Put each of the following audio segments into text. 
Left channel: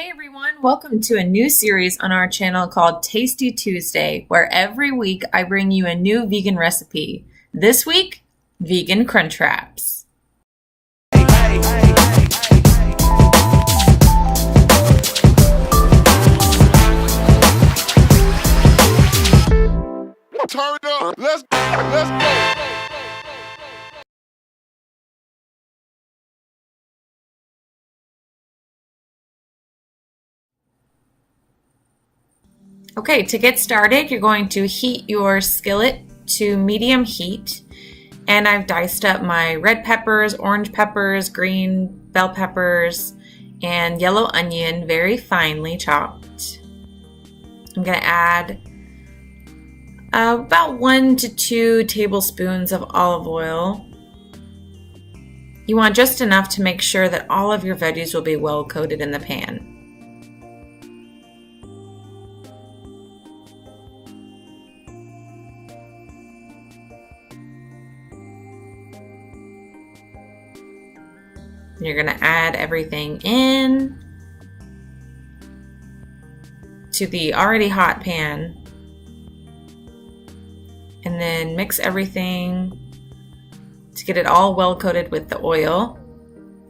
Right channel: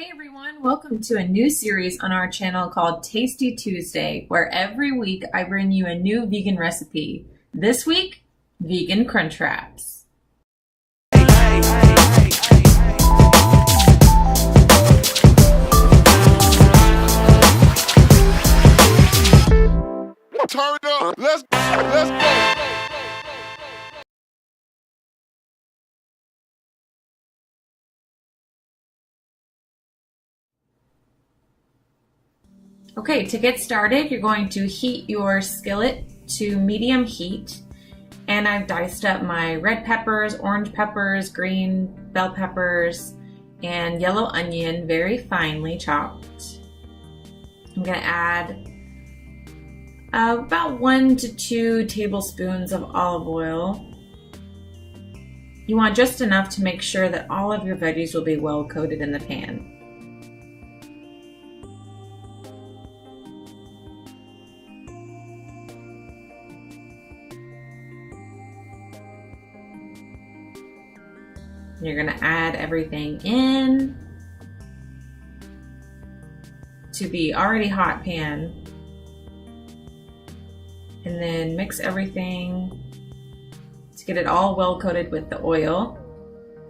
Hey everyone, welcome to a new series on our channel called Tasty Tuesday, where every week I bring you a new vegan recipe. This week, vegan Crunchwraps. Turn it up. Let's go. Okay, to get started, you're going to heat your skillet to medium heat. And I've diced up my red peppers, orange peppers, green bell peppers, and yellow onion very finely chopped. I'm going to add about 1 to 2 tablespoons of olive oil. You want just enough to make sure that all of your veggies will be well coated in the pan. You're going to add everything in to the already hot pan and then mix everything to get it all well coated with the oil,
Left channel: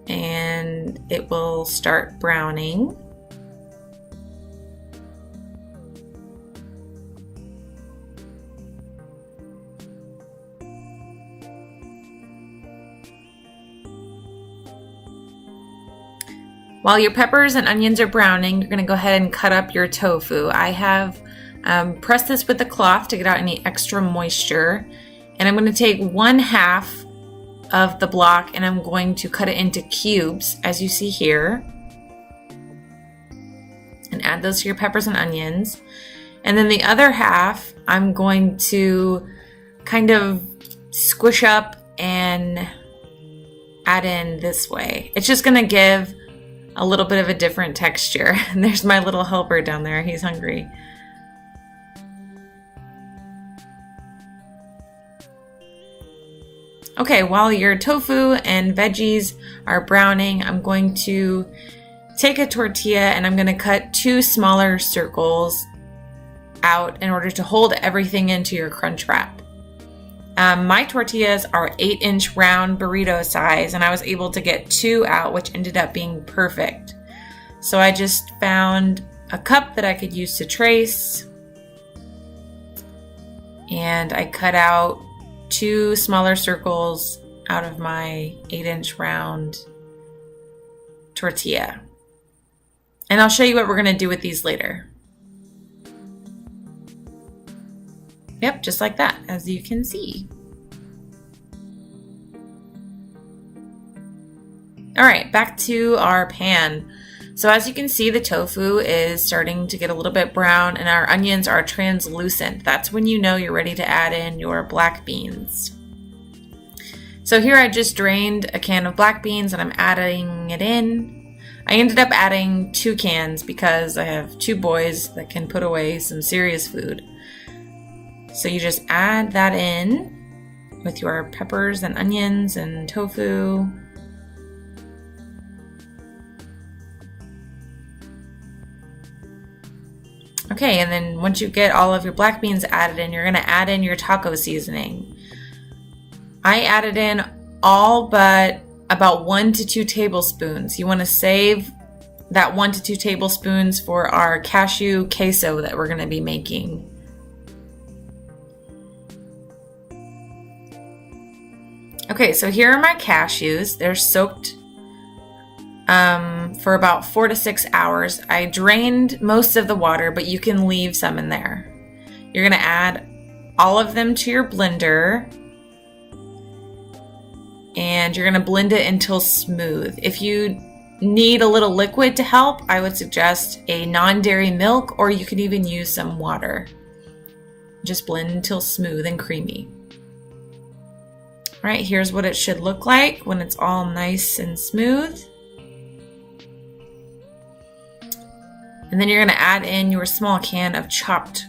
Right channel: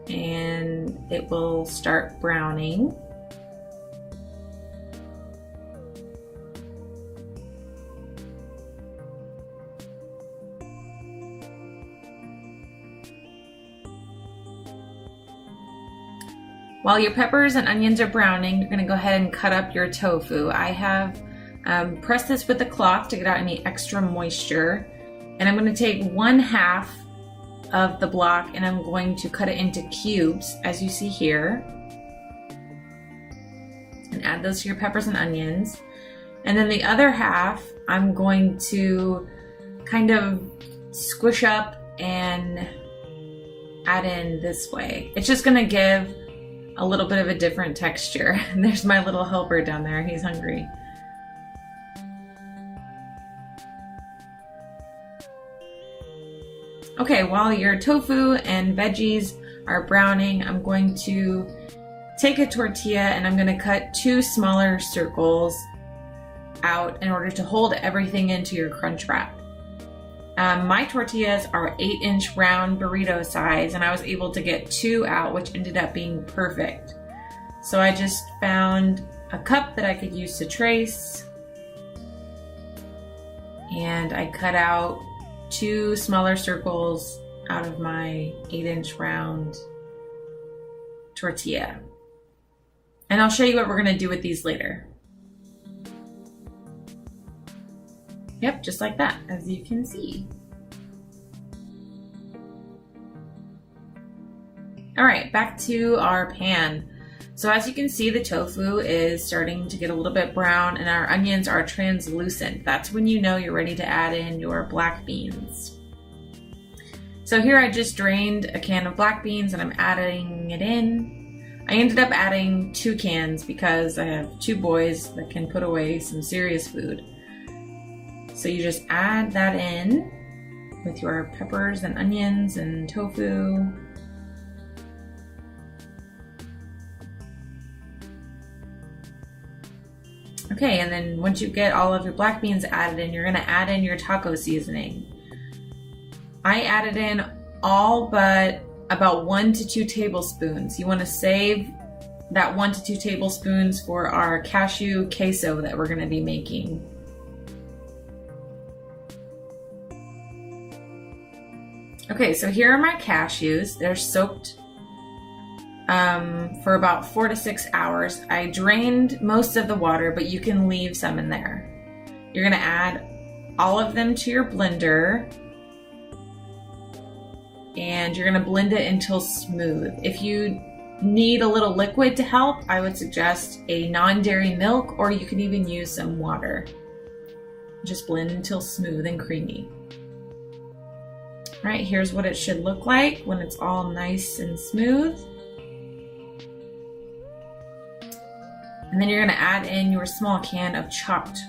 and it will start browning. While your peppers and onions are browning, you're going to go ahead and cut up your tofu. I have pressed this with a cloth to get out any extra moisture. And I'm going to take 1/2 of the block and I'm going to cut it into cubes, as you see here. And add those to your peppers and onions. And then the other half, I'm going to kind of squish up and add in this way. It's just going to give a little bit of a different texture. And there's my little helper down there. He's hungry. Okay, while your tofu and veggies are browning, I'm going to take a tortilla and I'm going to cut 2 smaller circles out in order to hold everything into your crunch wrap. My tortillas are 8-inch round burrito size, and I was able to get 2 out, which ended up being perfect. So I just found a cup that I could use to trace, and I cut out 2 smaller circles out of my 8-inch round tortilla. And I'll show you what we're going to do with these later. Yep, just like that, as you can see. All right, back to our pan. So as you can see, the tofu is starting to get a little bit brown and our onions are translucent. That's when you know you're ready to add in your black beans. So here I just drained a can of black beans and I'm adding it in. I ended up adding 2 cans because I have 2 boys that can put away some serious food. So you just add that in with your peppers and onions and tofu. Okay, and then once you get all of your black beans added in, you're going to add in your taco seasoning. I added in all but about 1 to 2 tablespoons. You want to save that 1 to 2 tablespoons for our cashew queso that we're going to be making. Okay, so here are my cashews. They're soaked for about 4 to 6 hours. I drained most of the water, but you can leave some in there. You're going to add all of them to your blender, and you're going to blend it until smooth. If you need a little liquid to help, I would suggest a non-dairy milk, or you could even use some water. Just blend until smooth and creamy. All right, here's what it should look like when it's all nice and smooth. And then you're going to add in your small can of chopped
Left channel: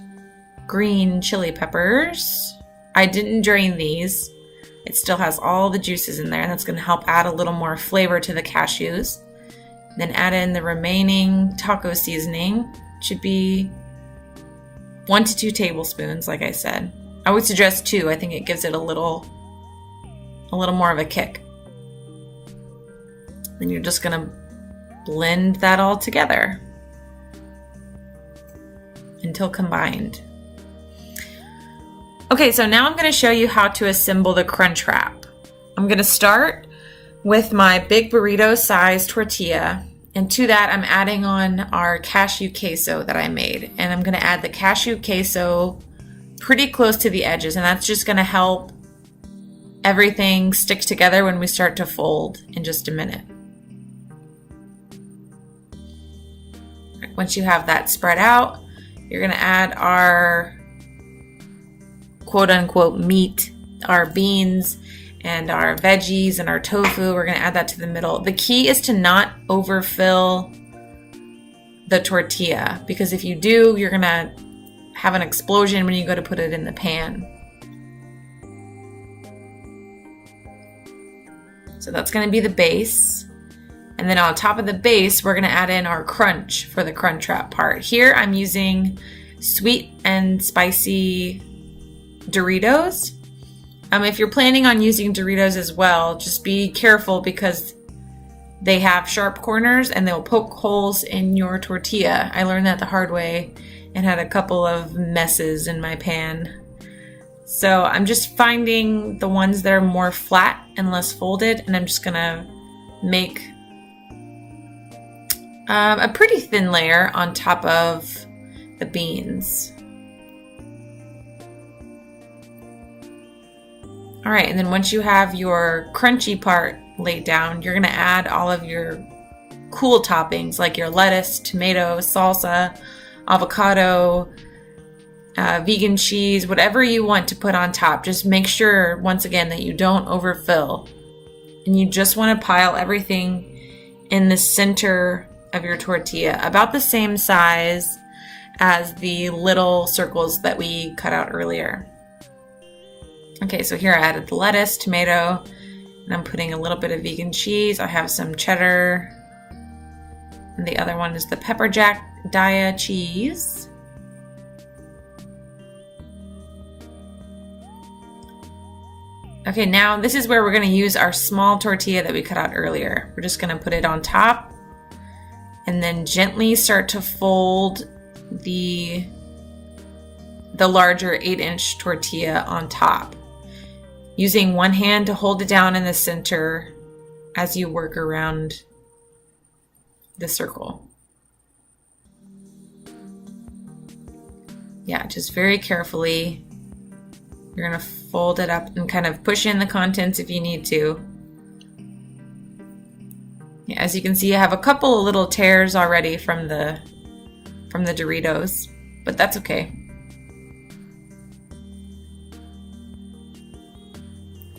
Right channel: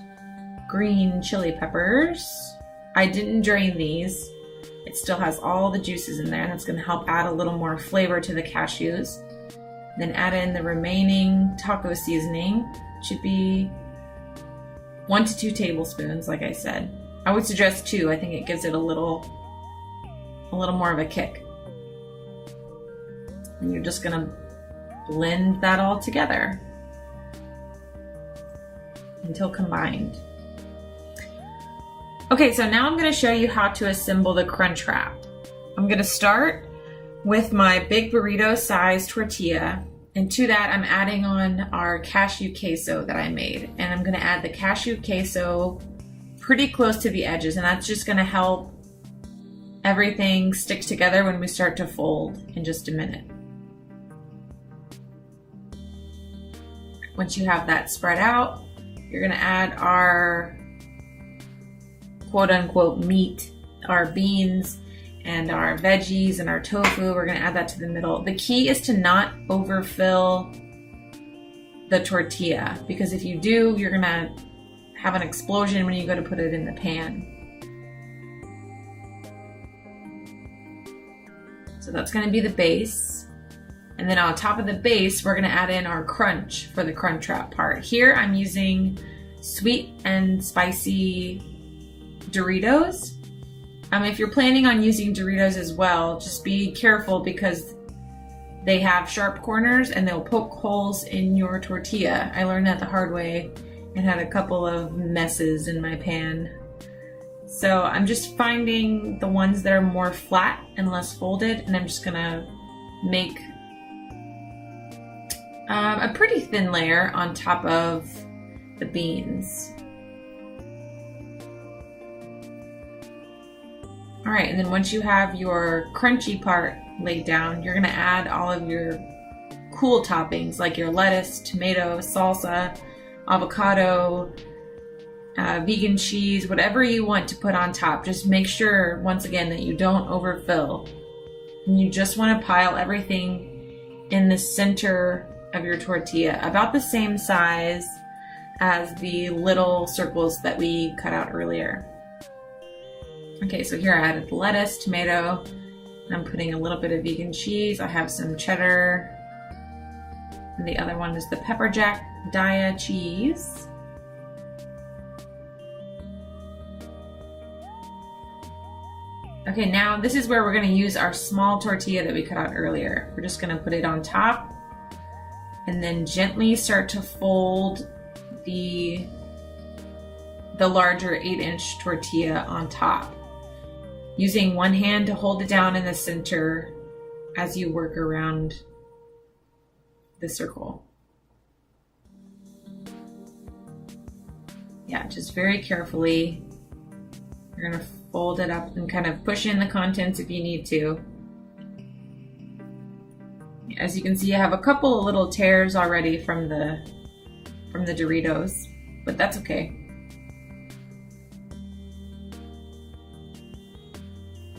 green chili peppers. I didn't drain these. It still has all the juices in there, and that's going to help add a little more flavor to the cashews. Then add in the remaining taco seasoning. It should be 1 to 2 tablespoons, like I said. I would suggest 2. I think it gives it a little more of a kick. Then you're just gonna blend that all together until combined. Okay, so now I'm gonna show you how to assemble the Crunchwrap. I'm gonna start with my big burrito size tortilla, and to that I'm adding on our cashew queso that I made, and I'm gonna add the cashew queso pretty close to the edges, and that's just gonna help everything stick together when we start to fold in just a minute. Once you have that spread out, you're gonna add our quote-unquote meat, our beans and our veggies and our tofu. We're gonna add that to the middle. The key is to not overfill the tortilla, because if you do, you're gonna have an explosion when you go to put it in the pan. So that's gonna be the base. And then on top of the base, we're gonna add in our crunch for the Crunchwrap part. Here I'm using sweet and spicy Doritos. If you're planning on using Doritos as well, just be careful because they have sharp corners and they'll poke holes in your tortilla. I learned that the hard way and had a couple of messes in my pan. So I'm just finding the ones that are more flat and less folded, and I'm just gonna make a pretty thin layer on top of the beans. All right, and then once you have your crunchy part laid down, you're gonna add all of your cool toppings like your lettuce, tomato, salsa, avocado, vegan cheese, whatever you want to put on top. Just make sure, once again, that you don't overfill. And you just wanna pile everything in the center of your tortilla, about the same size as the little circles that we cut out earlier. Okay, so here I added the lettuce, tomato, and I'm putting a little bit of vegan cheese. I have some cheddar, and the other one is the pepper jack Daya cheese. Okay, now this is where we're gonna use our small tortilla that we cut out earlier. We're just gonna put it on top and then gently start to fold the larger 8-inch tortilla on top, using one hand to hold it down in the center as you work around the circle. Yeah, just very carefully. You're gonna fold it up and kind of push in the contents if you need to. Yeah, as you can see, I have a couple of little tears already from the Doritos, but that's okay.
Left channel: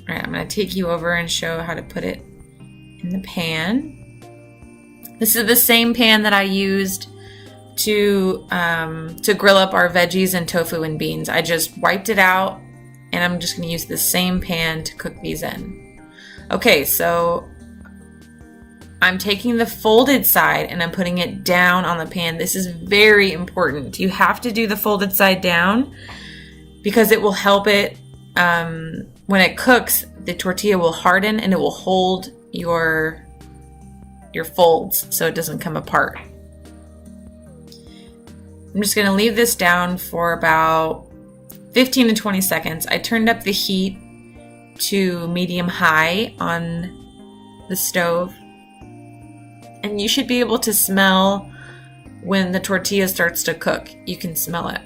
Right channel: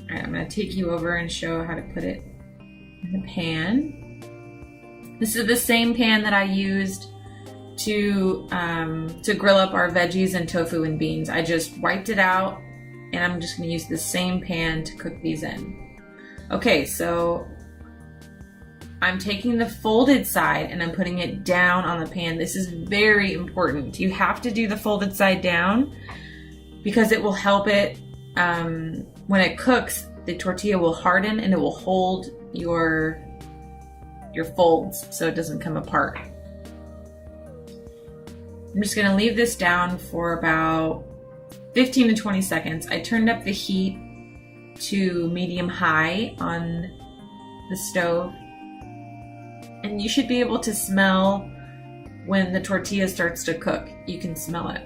All right, I'm gonna take you over and show how to put it in the pan. This is the same pan that I used to grill up our veggies and tofu and beans. I just wiped it out, and I'm just gonna use the same pan to cook these in. Okay, so I'm taking the folded side and I'm putting it down on the pan. This is very important. You have to do the folded side down because it will help it, when it cooks, the tortilla will harden and it will hold your folds so it doesn't come apart. I'm just gonna leave this down for about 15 to 20 seconds. I turned up the heat to medium high on the stove, and you should be able to smell when the tortilla starts to cook. You can smell it.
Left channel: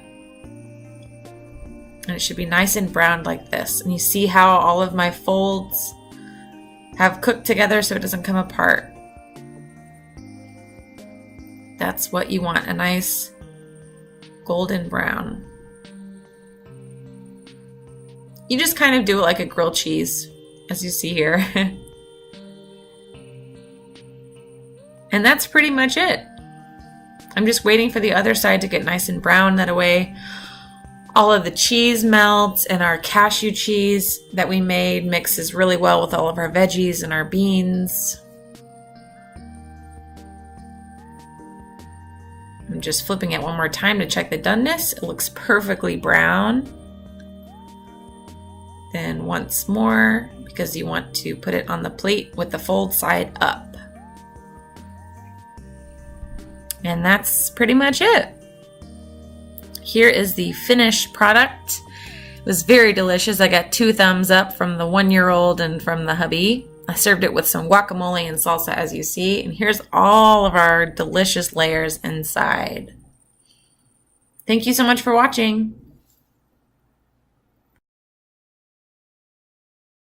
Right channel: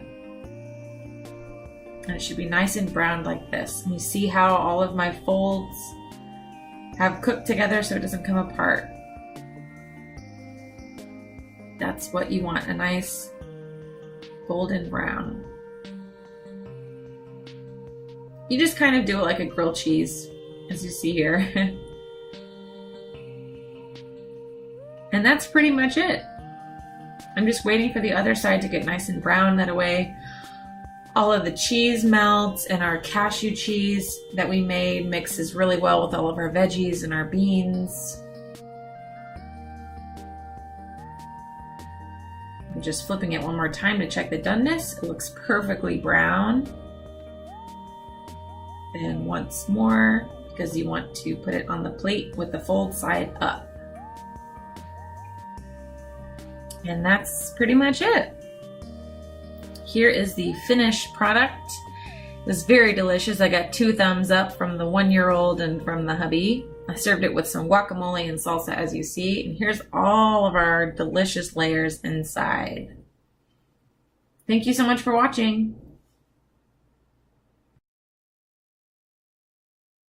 And it should be nice and browned like this. And you see how all of my folds have cooked together so it doesn't come apart. That's what you want, a nice golden brown. You just kind of do it like a grilled cheese, as you see here. And that's pretty much it. I'm just waiting for the other side to get nice and brown. That way all of the cheese melts and our cashew cheese that we made mixes really well with all of our veggies and our beans. I'm just flipping it one more time to check the doneness. It looks perfectly brown. Then once more, because you want to put it on the plate with the fold side up. And that's pretty much it. Here is the finished product. It was very delicious. I got 2 thumbs up from the 1-year-old and from the hubby. I served it with some guacamole and salsa, as you see. And here's all of our delicious layers inside. Thank you so much for watching.